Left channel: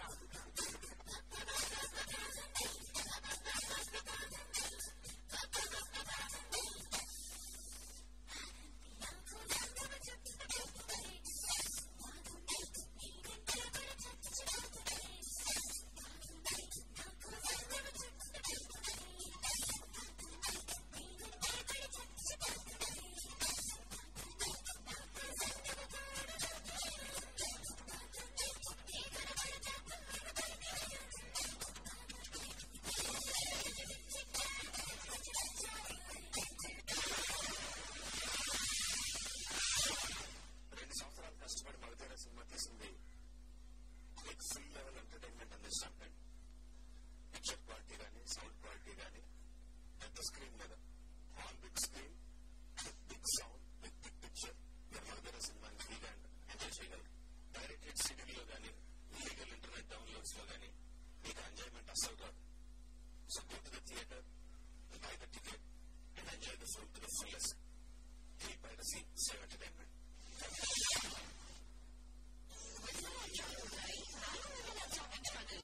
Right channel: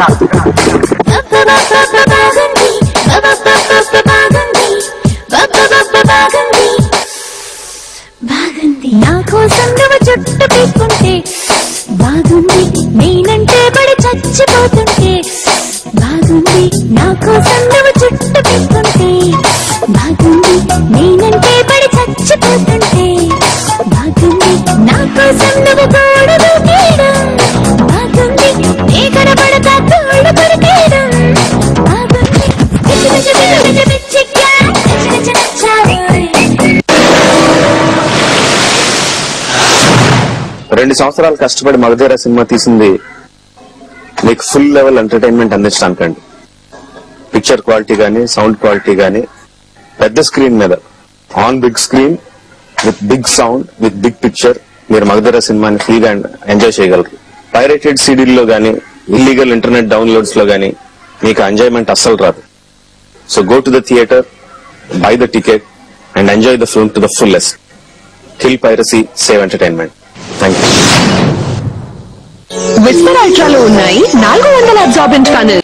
నా కోసం నువ్వు చుట్టు పీక్కుంటే బాగుంది, నేనంటే పడి చచ్చిపోతుంటే బాగుంది. నా కోసం నువ్వు చుట్టు పీక్కుంటే బాగుంది, నేనంటే పడి చచ్చిపోతుంటే బాగుంది. నా కోసం నువ్వు గోడ దూకేయడం బాగుంది, నీ కనబడతా తోడు కొరికేయడం బాగుంది. రెండు సంవత్సరాలు కష్టపడి మగధీర సినిమా తీసింది మీకు ఫుల్ లెవెల్ ఎంటర్టైన్మెంట్ అందించడానికండి. పిక్చర్ క్వాలిటీ గానీ, సౌండ్ క్వాలిటీ గానీ, పెద్ద స్క్రీన్ మీద on big screen with big sound with big picture మీరు మగధీర సినిమాని ఫ్రీగా ఎంజాయ్ చేయగలరు. పైరేటెడ్ సీడీల్లో గానీ, ఇల్లీగల్ ఇంటర్నెట్ డౌన్లోడ్స్ లో గానీ మీకు ఎంజాయ్మెంట్ అస్సలు రాదు. So go to the theatre, buy the ticket and enjoy the film to the fullest. Kill piracy, save entertainment. Thank you. Whisper అల్ట్రాలో ఉన్నాయి 400 అబ్జార్బెంట్ కనల్.